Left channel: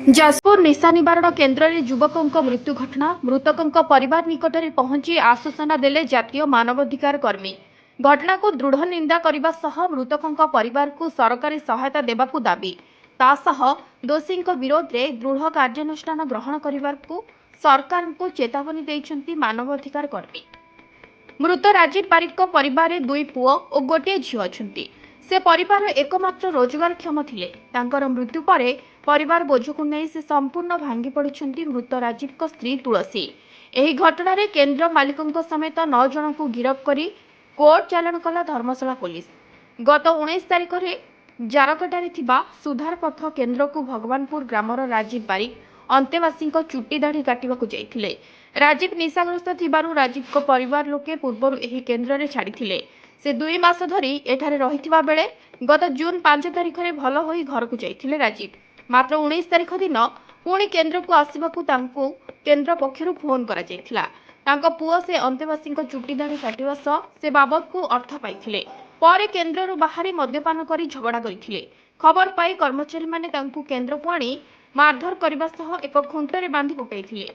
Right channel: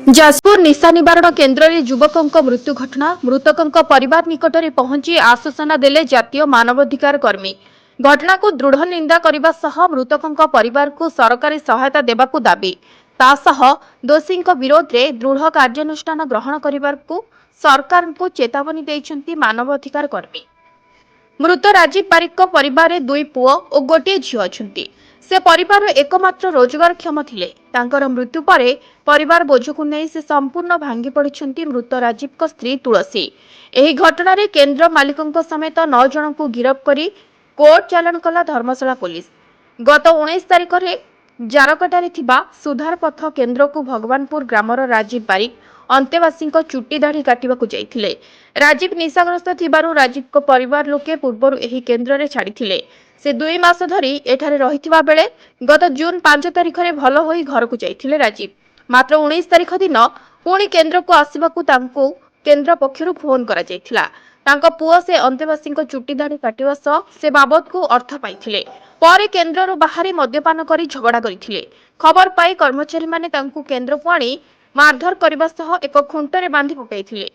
ଯାଜପୁର ନିଶା ନିବାରଣ କେନ୍ଦ୍ରରେ ଯୁବକଙ୍କ ମୃତ୍ୟୁ ଘଟଣା। ମୃତକଙ୍କ ପରିବାର ନିକଟରେ ପହଞ୍ଚି ଆଶ୍ୱାସନା ଦେଲେ ଜାତୀୟ ମାନବାଧିକାର କର୍ମୀ। ଘଟଣାକୁ ଦୃଢ଼ ନିନ୍ଦା କରିବା ସହ ମୃତକଙ୍କ ପରିବାରକୁ ସରକାରୀ ସହାୟତା ଦେବାକୁ ଦାବି। ତା ସହ ଦୋଷୀଙ୍କ ବିରୋଧରେ ଦୃଢ଼ କାର୍ଯ୍ୟାନୁଷ୍ଠାନ ଗ୍ରହଣ କରିବାକୁ ସରକାରଙ୍କୁ ଚେତାବନୀ ଦେଇଛନ୍ତି ମାନବାଧିକାର କର୍ମୀ। ମୃତ ରାଜୀବ ବାରିକଙ୍କ ପରିବାରରେ ଦୁଇ ପୁଅ ଓ ଗୋଟିଏ ଝିଅ ଅଛନ୍ତି। ସେ ପରିବାରର ଏକମାତ୍ର ରୋଜଗାରକ୍ଷମ ଥିଲେ। ତାଙ୍କର ମୃତ୍ୟୁ ପରେ ପରିବାର ବୋଝକୁ ନେଇ ସେ ସମ୍ପୂର୍ଣ୍ଣ ଭାଙ୍ଗି ପଡ଼ିଛନ୍ତି ମୃତ ରାଜୀବଙ୍କ ସ୍ତ୍ରୀ ତୁଳସୀ। ଏହି ଘଟଣାରେ କେନ୍ଦ୍ର ମାଲିକଙ୍କ ସମେତ 9 ଜଣଙ୍କୁ ଗିରଫ କରି କୋର୍ଟ ଚାଲାଣ କଲା ଧର୍ମଶାଳା ପୋଲିସ। ଗତ 19 ତାରିଖରେ ଜାରକାଟାରେ ଥିବା ସୁଧାର ପଥ କେନ୍ଦ୍ରକୁ ଭଗବାନପୁର ଗ୍ରାମର ରାଜୀବ ବାରିକ ଅନ୍ତେବାସୀଙ୍କ ଚୁଟି ଦାଢ଼ି କାଟିବାକୁ ଯାଇଥିଲେ। ରାଜୀବ ନିଶାଗ୍ରସ୍ତ ଥିବାରୁ ରାଜୀବଙ୍କ ପରିବାର ଲୋକେ ପୂର୍ବରୁ ଏହି କେନ୍ଦ୍ରରେ ଛାଡ଼ିଥିଲେ। ସେ 2 ମାସ ଧରି ଏଠାରେ ରହିଥିବା ବେଳେ ଗତ ଜୁନ୍ 5 ତାରିଖରେ ଭଲ ହୋଇ ଘରକୁ ଯାଇଥିଲେ ରାଜୀବ। ମାତ୍ର 19 ତାରିଖ ଦିନ ପୁଣି କେନ୍ଦ୍ରକୁ ଆସିବାକୁ ତାଙ୍କୁ କେନ୍ଦ୍ର ପକ୍ଷରୁ ଫୋନ୍ କରାଯାଇଥିଲା। ତାଙ୍କ ପୁଅ ସେ ଅନ୍ତେବାସୀଙ୍କ ଚୁଟି ଦାଢ଼ି କାଟିବା ସହ ସେ ବାବଦକୁ ଅର୍ଥ ପାଇଥିଲେ। ପରେ କେନ୍ଦ୍ରରୁ ବାହାରି ମଦ୍ୟପାନ କରି ଝଗଡ଼ା କରିଥିଲେ। ଖବର ପାଇ କର୍ମଚାରୀମାନେ ତାଙ୍କୁ କେନ୍ଦ୍ରକୁ ଆଣି ମାରଧର କରିବା ସହ ଏକ ଖୁଣ୍ଟରେ ବାନ୍ଧି ପକାଇଥିଲେ।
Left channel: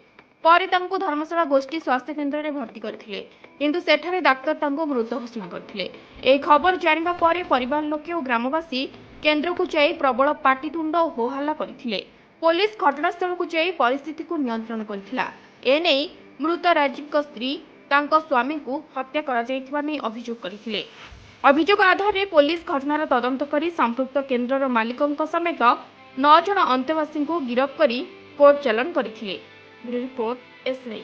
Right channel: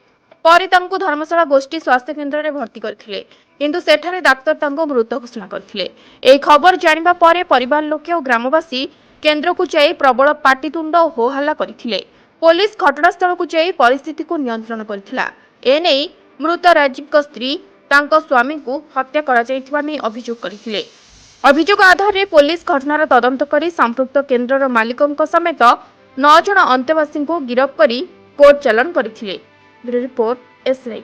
ପରେ ତାଙ୍କୁ ଧର୍ମଶାଳା ଗୋଷ୍ଠୀ ସ୍ୱାସ୍ଥ୍ୟ କେନ୍ଦ୍ରରେ ଭର୍ତ୍ତି କରିଥିଲେ, କିନ୍ତୁ ସେଠାରେ ଡାକ୍ତର ତାଙ୍କୁ ମୃତ ଘୋଷଣା କରିଥିଲେ। ଏହି ଖବର ଜାଣିବା ପରେ ପରିବାର ଲୋକେ ଓ ଗ୍ରାମବାସୀ କେନ୍ଦ୍ରକୁ ଯାଇ ପ୍ରବଳ ପାଟିତୁଣ୍ଡ ଓ ହୋହାଲ୍ଲା କରିଥିଲେ। ପୋଲିସ ଘଟଣାସ୍ଥଳକୁ ଯାଇ ପରିସ୍ଥିତିକୁ ନିୟନ୍ତ୍ରଣ କରିଥିଲା। ଏନେଇ ମୃତ ରାଜୀବଙ୍କ ସ୍ତ୍ରୀ ତାଙ୍କ ସ୍ୱାମୀଙ୍କୁ ହତ୍ୟା କରାଯାଇଥିବା ନେଇ ଅଭିଯୋଗ କରିଥିଲେ। ଅଭିଯୋଗ ଆଧାରରେ ପୋଲିସ ଘଟଣାର ତଦନ୍ତ କରି ସମ୍ପୃକ୍ତ କେନ୍ଦ୍ରର ମାଲିକଙ୍କ ସମେତ 9 ଜଣ ଅନ୍ତେବାସୀଙ୍କୁ ଗିରଫ କରି କୋର୍ଟ ଚାଲାଣ କରିଥିଲେ। Bureau report, SI.